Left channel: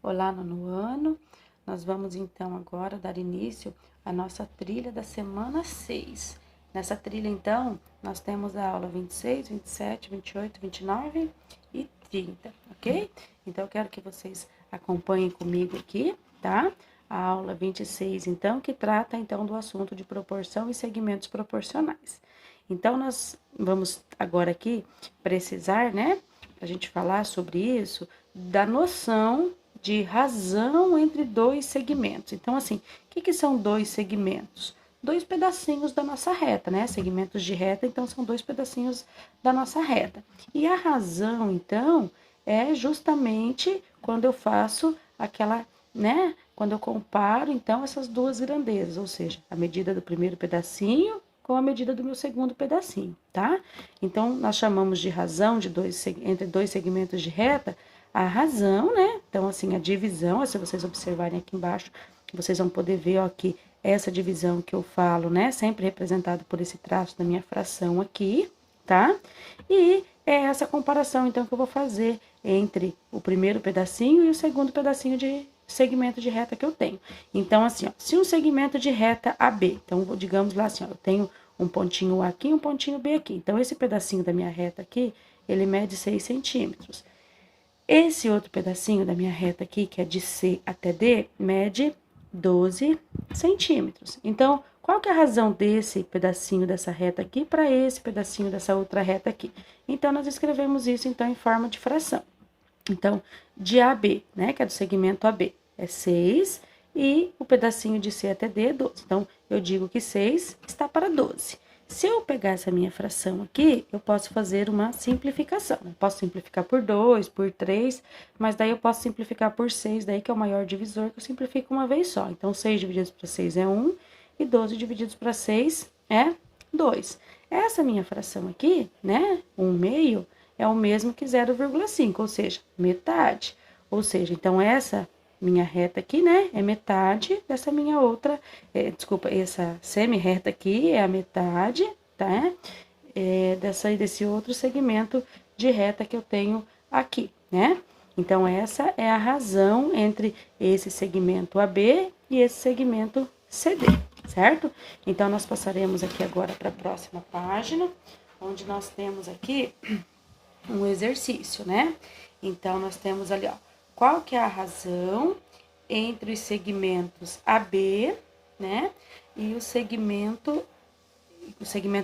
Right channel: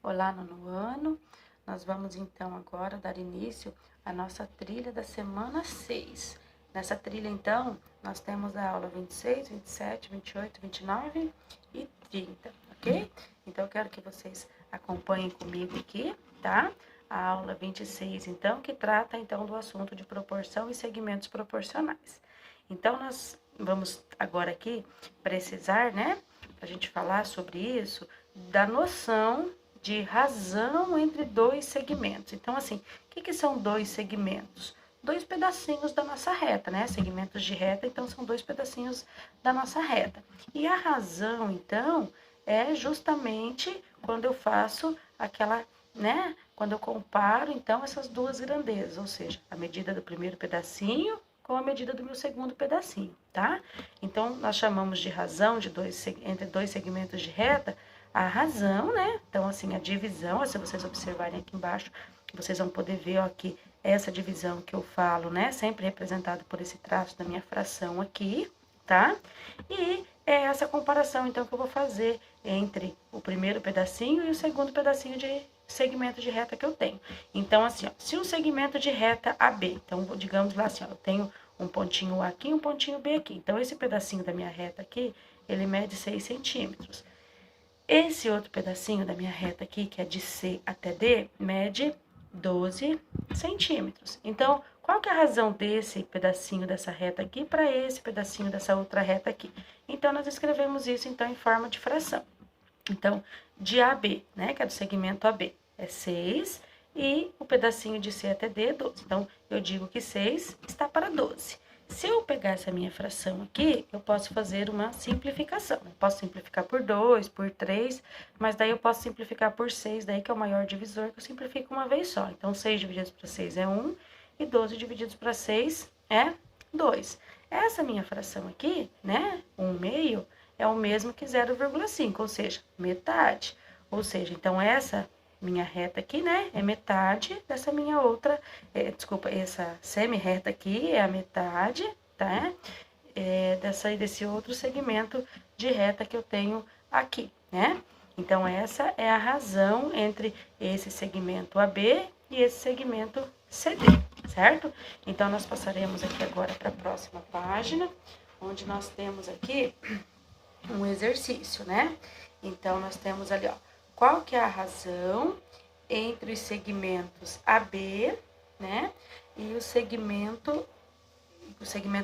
Olá, nono ano. Nós vamos então agora dar início à nossa trilha da semana 6. Nessa trilha, então, nós temos a aula 26, 27, 28, 29 e 30, ok? Então, eu quero que vocês acompanhem comigo aqui, tá? A aula 26, então, que trata, então, do assunto de proporção e segmentos proporcionais. Então, nós vamos agora aqui precisar, né, pra gente falar sobre isso, da noção de razão entre dois segmentos. Então, assim, o que são dois segmentos? Dois pedacinhos da nossa reta, né? Segmentos de reta, então, são dois pedacinhos da nossa reta. E a razão, então, é justamente quando eu faço aquela, né? Quando eu comparo, então, essas duas grandezas, ou seja, a medida do primeiro pedacinho com a medida do meu segundo pedacinho, tá? Então, nós chamamos de razão de entre dois segmentos de reta a razão, né? Então, assim, a divisão, se vocês observarem aqui embaixo, vocês vão poder ver, ó, que essa divisão que eu falo, né? Sempre representado por esse traço da minha fração aqui, tá? E é essa comparação, então, que eu vou fazer entre o primeiro pedacinho e o segundo pedacinho de segmento de reta que eu tenho. Então, assim, ó, se um segmento de reta AB, então, digamos lá assim, ó, eu tenho um pontinho A aqui e um pontinho B aqui. Então, esse pedacinho da minha reta aqui, ele mede 6 centímetros. Esse outro pedacinho da minha reta aqui, que é de C até D, mede 12 centímetros. Então, qual que é a razão desse pedacinho dessa reta aqui para esse pedacinho dessa outra reta aqui? Então, nós escrevemos isso, então, em forma de fração. Então, de A a B, né, que é do segmento AB, é 6, e o pedacinho de C até D é 12. Então, eu digo que 6 está para 12. Se eu pegar essa minha fração aqui, eu posso fazer uma simplificação. Eu posso simplificar por 2, por 3, mas daí eu posso simplificar por 6, daí que é o maior divisor, que eu simplifico uma vez só. Então, 6 divididos para 6 é 1, e 12 divididos para 6 é 2. Essa minha fração aqui, né, 1/2, é o mesmo que 0,5, ou seja, metade. Ou seja, então, essa minha reta aqui, né, é metade dessa minha outra, desculpa, essa semi-reta aqui é a metade, tá? Desse outro segmento de reta que eu tenho aqui, né? Então, essa é a razão entre esse segmento AB e esse segmento CD, certo? Então, nós passaremos aqui agora para a próxima página, onde nós temos aqui um exercício, né? Então, nós temos ali, ó, qual que é a razão entre os segmentos AB, né? E o segmento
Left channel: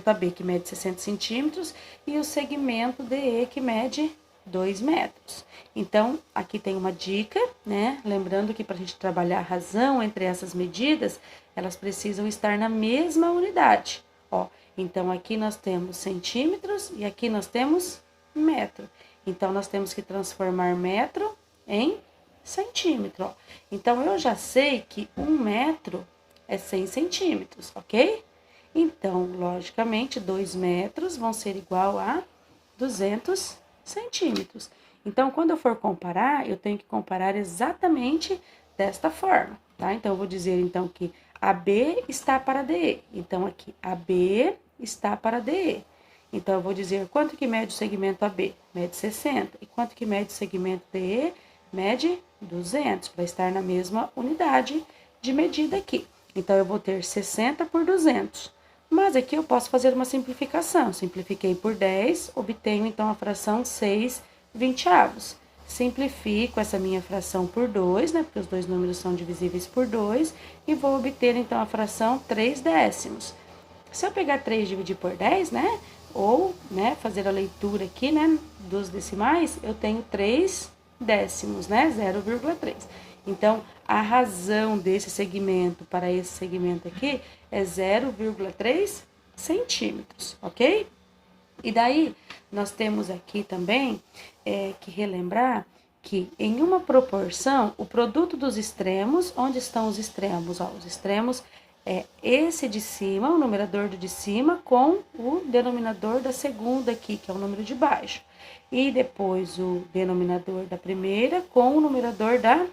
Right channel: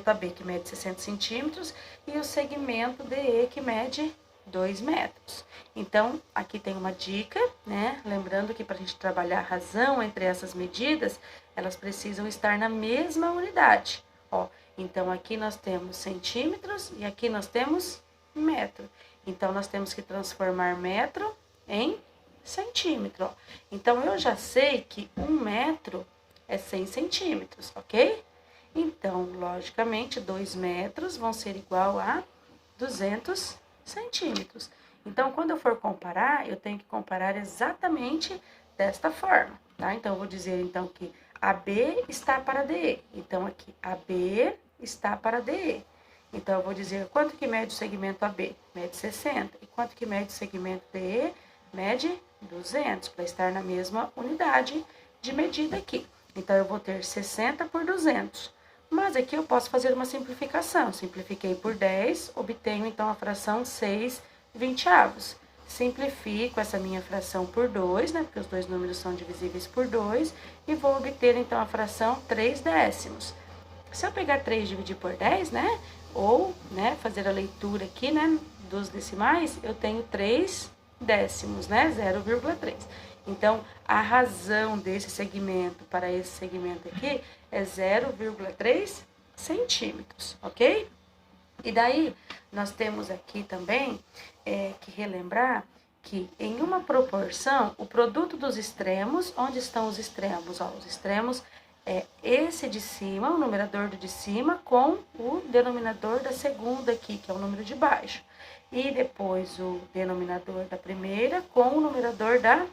AB, que mede 60 centímetros, e o segmento DE, que mede 2 metros. Então, aqui tem uma dica, né? Lembrando que para a gente trabalhar a razão entre essas medidas, elas precisam estar na mesma unidade, ó. Então, aqui nós temos centímetros e aqui nós temos metro. Então, nós temos que transformar metro em centímetro, ó. Então, eu já sei que 1 metro é 100 centímetros, ok? Então, logicamente, 2 metros vão ser igual a 200 centímetros. Então, quando eu for comparar, eu tenho que comparar exatamente desta forma, tá? Então, eu vou dizer, então, que AB está para DE. Então, aqui, AB está para DE. Então, eu vou dizer quanto que mede o segmento AB? Mede 60. E quanto que mede o segmento DE? Mede 200, para estar na mesma unidade de medida aqui. Então, eu vou ter 60 por 200. Mas aqui eu posso fazer uma simplificação. Simplifiquei por 10, obtenho, então, a fração 6/20. Simplifico essa minha fração por 2, né? Porque os dois números são divisíveis por 2. E vou obter, então, a fração 3/10. Se eu pegar 3 e dividir por 10, né? Ou, né, fazer a leitura aqui, né, dos decimais, eu tenho 3 décimos, né, 0,3. Então, a razão desse segmento para esse segmento aqui é 0,3 centímetros, ok? E daí, nós temos aqui também que relembrar que em uma proporção, o produto dos extremos, onde estão os extremos? Ó, os extremos é esse de cima, o numerador do de cima, com o denominador da segunda aqui, que é o número de baixo. E depois o denominador da primeira com o numerador da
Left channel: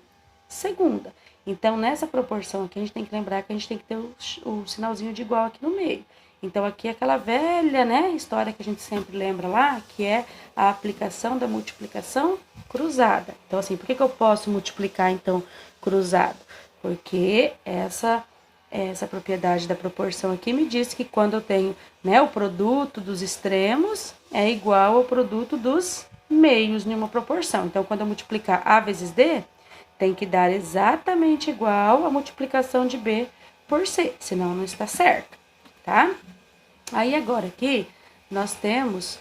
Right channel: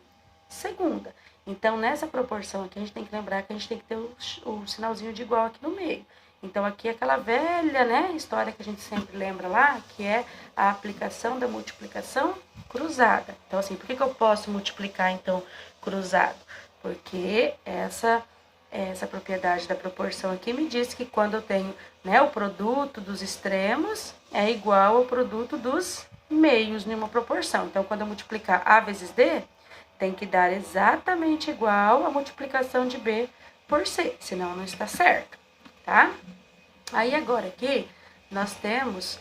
segunda. Então, nessa proporção aqui, a gente tem que lembrar que a gente tem que ter o sinalzinho de igual aqui no meio. Então, aqui é aquela velha, né, história que a gente sempre lembra lá, que é a aplicação da multiplicação cruzada. Então, assim, por que eu posso multiplicar, então, cruzado? Porque essa propriedade da proporção aqui me diz que quando eu tenho, né, o produto dos extremos é igual ao produto dos meios em uma proporção. Então, quando eu multiplicar A vezes D, tem que dar exatamente igual a multiplicação de B por C, senão não está certo, tá? Aí, agora aqui, nós temos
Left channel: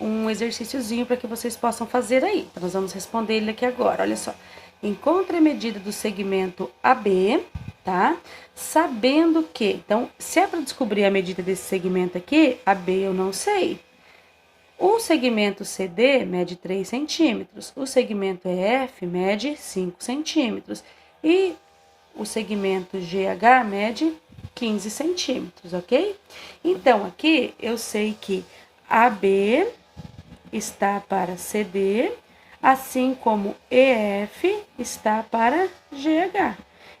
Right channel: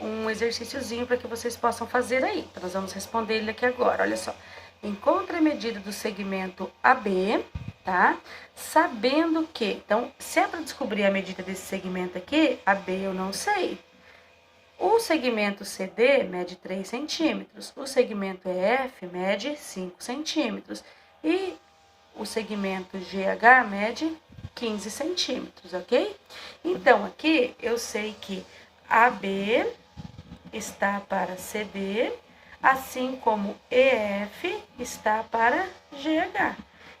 um exercíciozinho para que vocês possam fazer aí. Então, nós vamos responder ele aqui agora, olha só. Encontre a medida do segmento AB, tá? Sabendo que, então, se é para descobrir a medida desse segmento aqui, AB eu não sei. O segmento CD mede 3 centímetros, o segmento EF mede 5 centímetros e o segmento GH mede 15 centímetros, ok? Então, aqui eu sei que AB está para CD, assim como EF está para GH.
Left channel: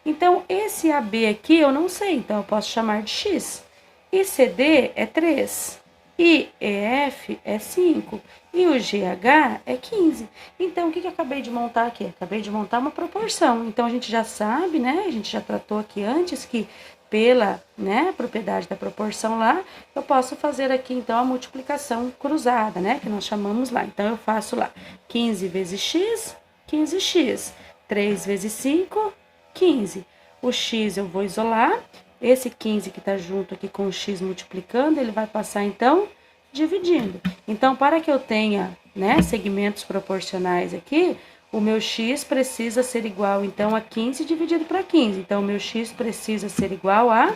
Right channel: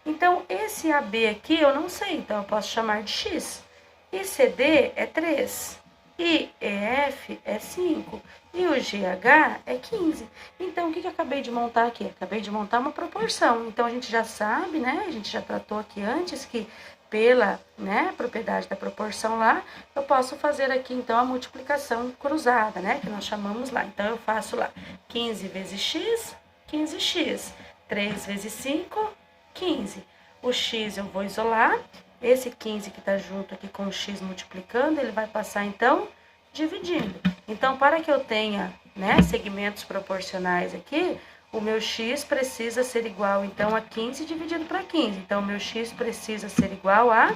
Então, esse AB aqui eu não sei, então eu posso chamar de X. E CD é 3, e EF é 5, e o GH é 15. Então, o que eu acabei de montar aqui? Acabei de montar uma proporção. Então, a gente já sabe, né? A gente já tratou aqui antes que pela, né, propriedade da proporção lá, eu posso fazer aqui, então, a multiplicação cruzada, né? Que nós chamamos lá. Então, eu faço lá 15 vezes X, 15x. 3 vezes 5, 15. O X eu vou isolar. Esse 15 que está junto aqui com o X multiplicando, ele vai passar, então, dividindo. Então, para que eu tenha, né, segmentos proporcionais aqui, o meu X precisa ser igual, então, a 15 dividido para 15. Então, o meu X precisa ser igual a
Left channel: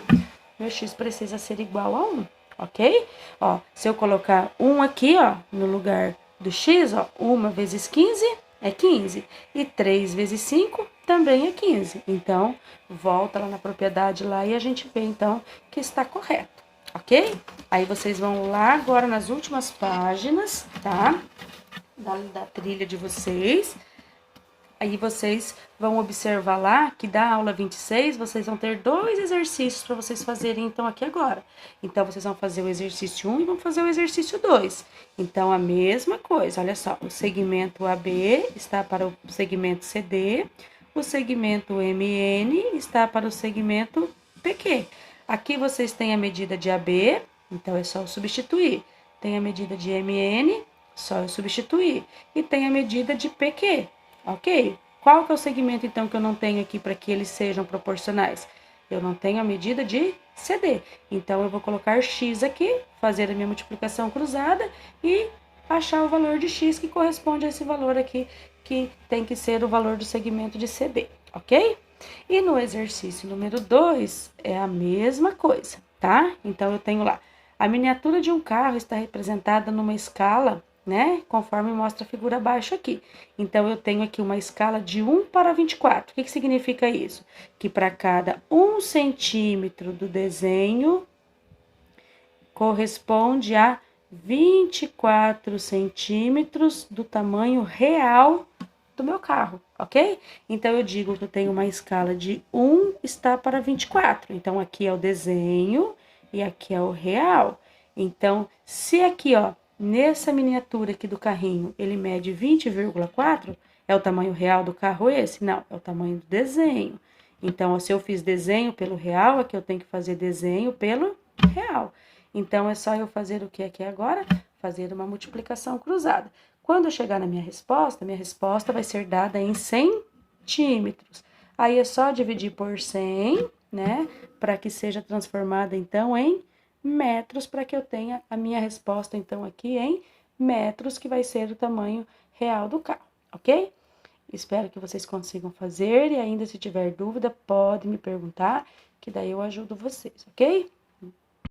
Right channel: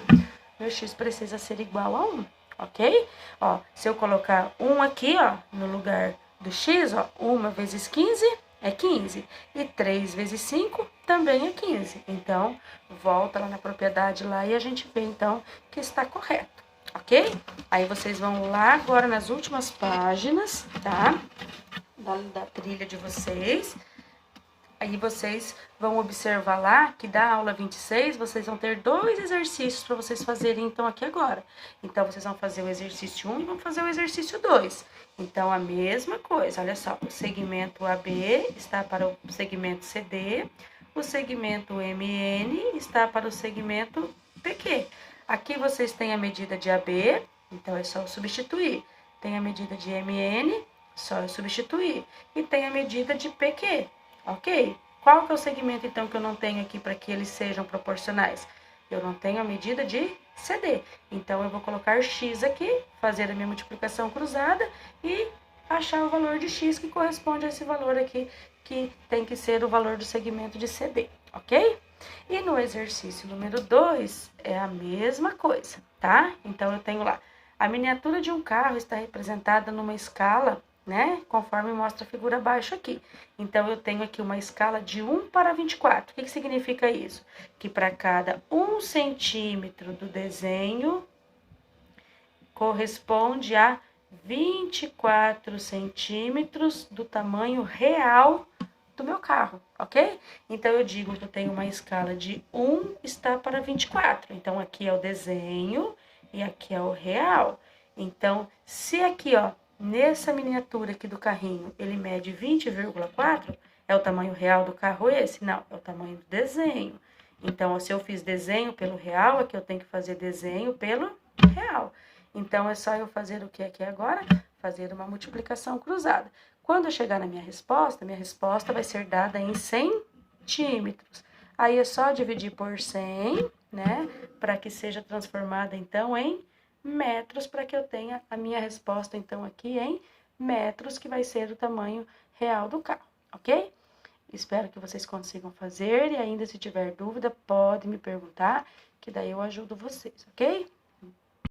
1, ok? Ó, se eu colocar 1 aqui, ó, no lugar do X, ó, 1 vezes 15 é 15. E 3 vezes 5 também é 15. Então, volta lá na propriedade lá e a gente vê, então, que está correto, ok? Aí, vocês vão lá agora nas últimas páginas, tá? Da trilha de vocês. Aí, vocês vão observar lá que da aula 26, vocês vão ter 2 exercícios para vocês fazerem, então, aqui agora. Então, vocês vão fazer o exercício 1 e vão fazer o exercício 2. Então, a mesma coisa, olha só, o segmento AB está para o segmento CD, o segmento MN está para o segmento PQ. Aqui vocês têm a medida de AB, então é só eu substituir. Tem a medida de MN, só eu substituir. E tem a medida de PQ, ok? Qual que é o segmento, então, que eu não tenho aqui para que eles sejam proporcionais? Eu não tenho a medida de CD. Então, eu vou colocar X aqui, fazer a minha multiplicação cruzada e achar o valor de X que corresponde a esse valor aqui, que tem que ser o valor do segmento de CD, ok? E no exercício número 2 é a mesma coisa, tá? Então, eu tenho lá, a miniatura de um carro está representada numa escala, né? Conforme mostra a figura abaixo aqui. Então, eu tenho aqui uma escala de 1 para 24. O que significa isso? Que para cada 1 centímetro do desenho, corresponde a 24 centímetros do tamanho real do meu carro, ok? Então, eu digo que eu tenho uma escala de 1 está para 24. Então, aqui é o desenho e aqui é o real. Então, se aqui, ó, nessa miniatura aqui do carrinho, ele mede 20,4, é o tamanho real do carro esse? Não, é o tamanho do desenho. Então, ó, se eu fiz desenho pelo real, aqui eu tenho que fazer desenho pelo real. Então, é só eu fazer o que aqui agora? Fazer uma multiplicação cruzada. Quando eu chegar na minha resposta vai ser dada em centímetros. Aí, é só dividir por 100, né? Para que seja transformada, então, em metros, para que eu tenha a minha resposta, então, aqui em metros, que vai ser o tamanho real do carro, ok? Espero que vocês consigam fazer e ainda, se tiver dúvida, pode me perguntar, que daí eu ajudo vocês, ok?